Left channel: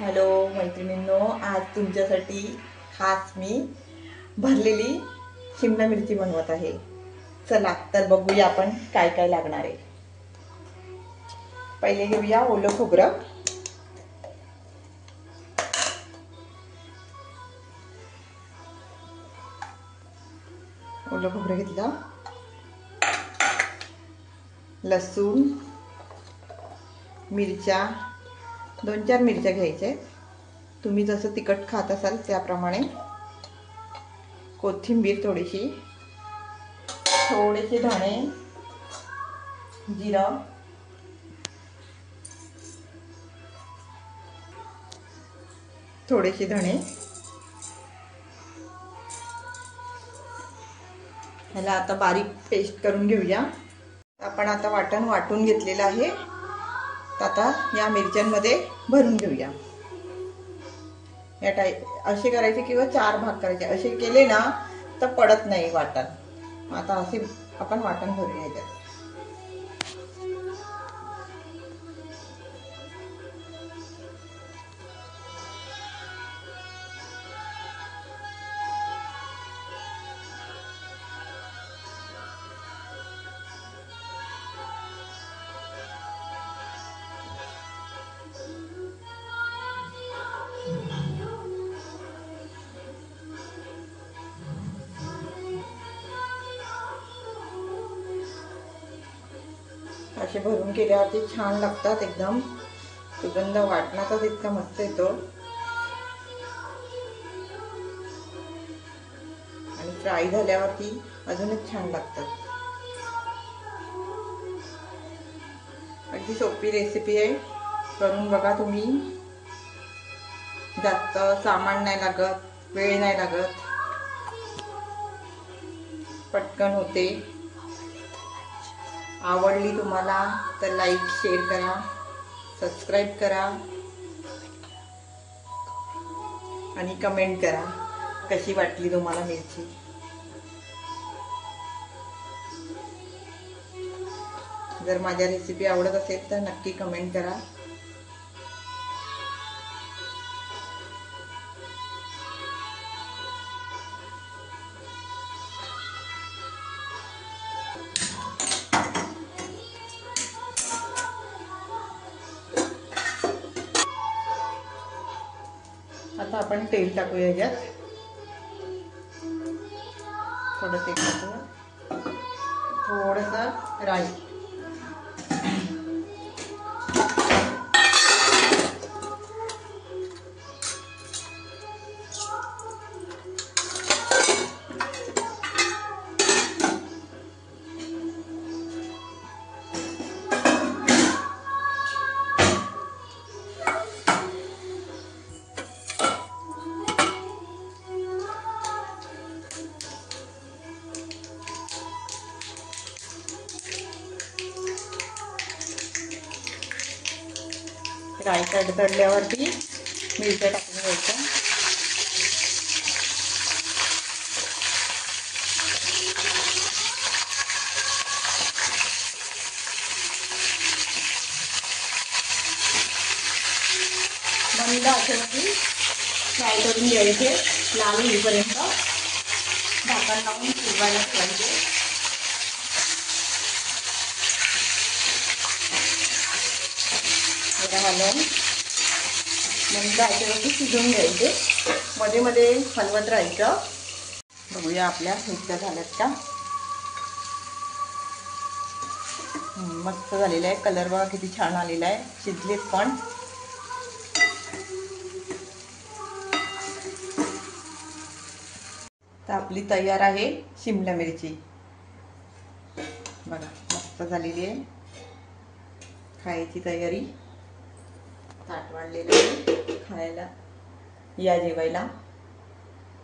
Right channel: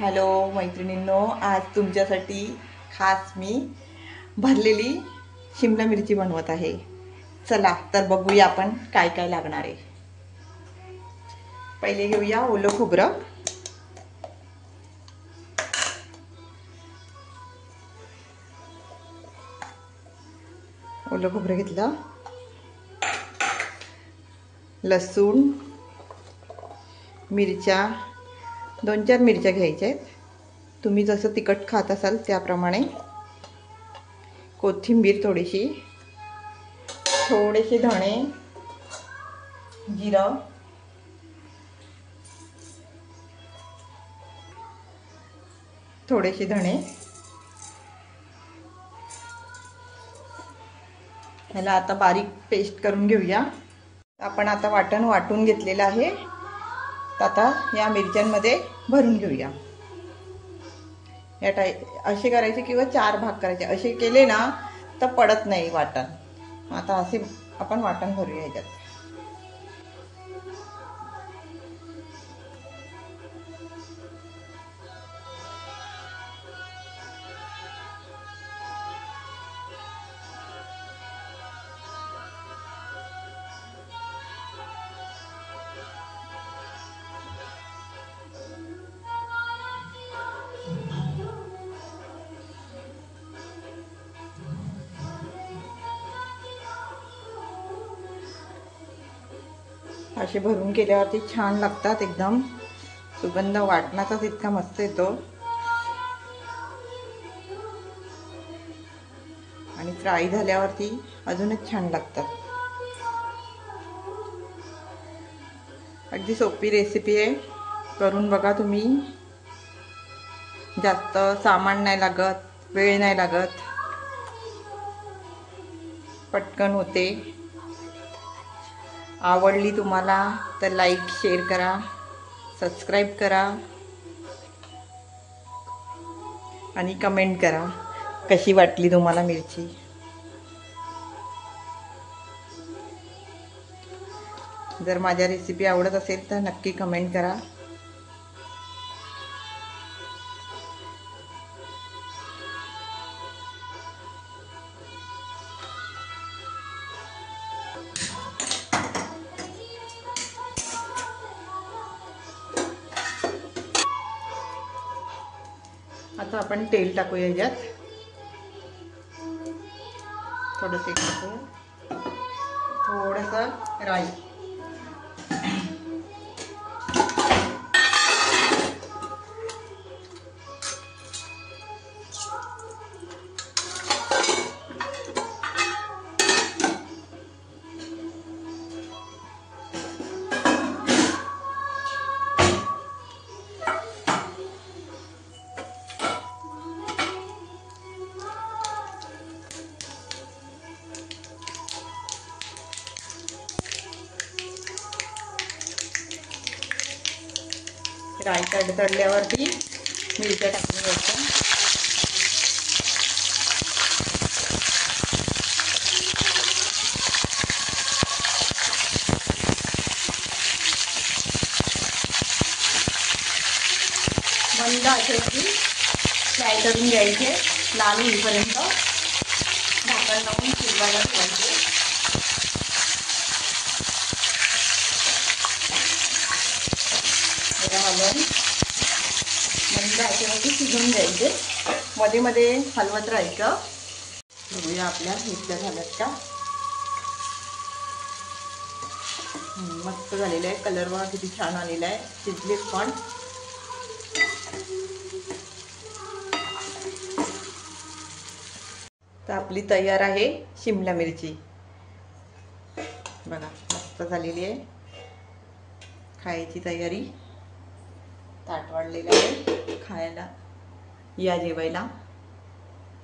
Hello मैत्रिणींनो, आज तुमच्यासाठी खास मी भरलेली शिमला मिरची बनवत आहे। चला तर बघूया आपण काय काय लागणार आहे। पहिले घेऊया ओलं खोबरं। ओलं खोबरं घेतलं, लसूण, मिरच्या, 2-4 मिरच्या घ्यायच्या आहेत, तुम्ही जसं तिखट खात असाल त्याप्रमाणे। कोथिंबीर थोडीशी, थोडेसे धणे, जिरं, थोडेसे धणे। ह्याला आता बारीक पेस्ट करून घेऊया। आपण आता वाटण वाटून घेतलेलं आहे, आता या मिरच्यांमध्ये भरून घेऊया। या असे करायचे किंवा 4 भाग करायचे, असे केले ना तर पडत नाही वाटण। आता असे आपण वाटण भरूया ह्याच्यात। असे भरून केल्यावरती छान लागतात, एकदम सुगंध वाटणाचाच इतका मस्त येतो आणि फ्राय झाल्यावरती अजूनच छान लागतात। अगदी सोपी रेसिपी आहे, करून बघा तुम्ही। जास्त सामान नाही लागत, वेळ नाही लागत, पटकन होते। आवडली तुम्हाला तर लाईक शेअर करा, सबस्क्राईब करा आणि कमेंट करा कशी वाटली तुम्हाला मिरची। जर माझ्या रेसिपी आवडत असेल तर नक्की कमेंट करा। आता आपण तेल टाकूया ह्याच्यात, थोडंसं टाकू, थोडंसं राई, राई तडतडल्यावरती मिरच्या टाकून घ्यायच्या। मंद आचेवरती फ्राय करून घ्यायचे, लाल होईपर्यंत झाकण लावून शिजवायला ठेवायचे। हलवून मंद आचेवरती शिजवून घ्यायचे, मध्ये मध्ये हलवत राहायचं। बघूया आपल्या मिरच्या झाल्यात का। मस्त झालेला आहे, कलर बघा किती छान आलेला आहे, शिजलेत पण। तर आपली तयार आहे शिमला मिरची, बघा मस्त झालेली आहे। खायची तयारी, ताट वाढलेलं आहे, खायला या जेवायला।